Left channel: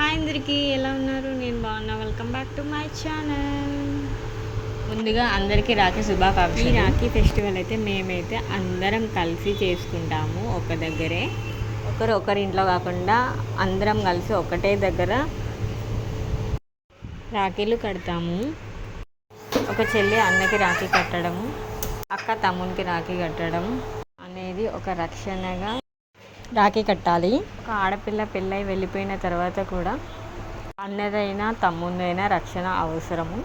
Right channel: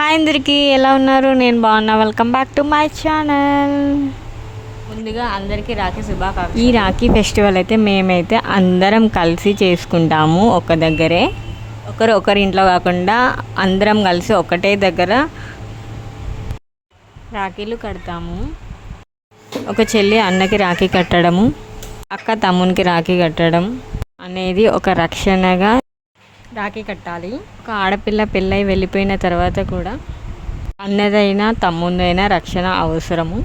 Hi అందరికీ, ఎలా ఉన్నారు? నేను బాగున్నా. Welcome back to my channel. ముందుగా అందరికీ రాఖీ శుభాకాంక్షలు. ఈ రాఖీ ఫెస్టివల్ అయితే మేమైతే అందరం కలిసి చేసుకుంటాము. ఒక దగ్గరే, ఒకరి ఇంట్లో కాకుండా అందరం కలిసి ఒకటే దగ్గర రాఖీలు కడతాము. ఒక చెల్లి అన్నకి రాఖీ కట్టడము, అక్క తమ్మునికి రాఖీ కట్టడం అనేది ఒక రక్షణగా రాఖీ కట్టాలి. ఒక ఆడపిల్ల పెళ్ళై వెళ్ళిపోయిన తర్వాత కూడా అన్నదైనా తమ్ముందైనా రక్షణ అవసరము.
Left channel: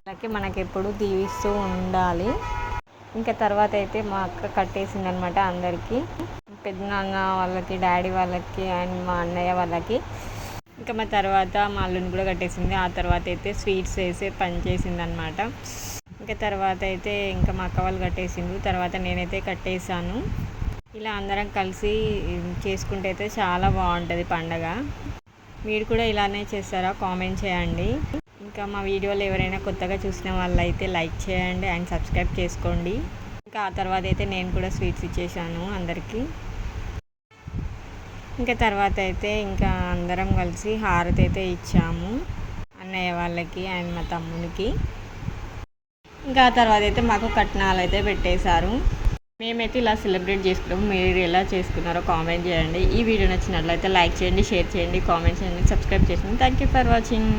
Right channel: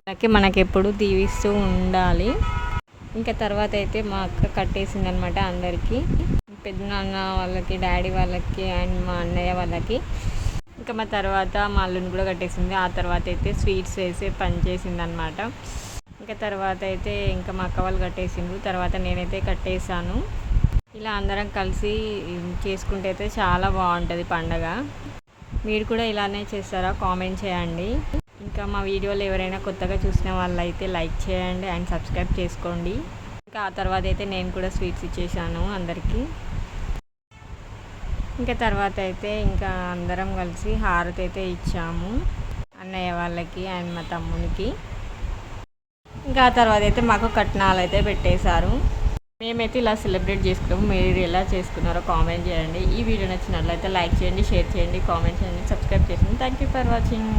అలాగే మనకెప్పుడు దీవిస్తూ ఉండాలి. ఇంకా తర్వాత అయితే మా అక్క కట్టేసింది అనమాట అందరికీ, పెద్దనాన్న వాళ్ళకి, డాడీ వాళ్ళకి అండ్ మా అన్నయ్య వాళ్ళకి. ఇంకా మా తర్వాత మా అల్లుని కూడా కట్టేసింది. ఆ తర్వాత అయితే స్వీట్స్ వేసి పని చేసింది అనమాట. ఇంకా తర్వాత అయితే ఇంకా మా అక్క వాళ్ళు కట్టేసిండ్రు. తర్వాత నేనైతే కట్టేశాను. ఇలా అందరం కలిసి చేసుకుంటే అయితే చాలా బాగుంటుంది పండగ. మీరు కూడా ఇలానే చేస్తారా? కామెంట్ చేయండి. ఇంకా మా వీడియోలు ఎవరైనా కొత్తగా చూసిన వాళ్ళు అయితే లైక్ చేయండి అండ్ సబ్స్క్రైబ్ చేసుకోండి. ఇంకా ఆ తర్వాత అయితే నేను కూడా స్వీట్స్ ఇచ్చేసాను అందరికీ. ఇంకా తర్వాత అయితే ఇంకా అందరం కలిసి హారతి అయితే ఇచ్చాము అన్నయ్య వాళ్ళకి అండ్ మా తమ్మునికి. ఇంకా ఆ తర్వాత అయితే మాకు కట్నాలు అయితే పెట్టేశారు. మేమైతే ఇలా సెలబ్రేట్ చేసుకున్నాము. మీరు ఎలా చేసుకున్నారో కామెంట్ చేయండి. ఈ వీడియో నచ్చినట్లయితే లైక్ చేయండి, షేర్ చేయండి, కామెంట్ చేయండి, సబ్స్క్రైబ్ చేయండి. Thank you for watching.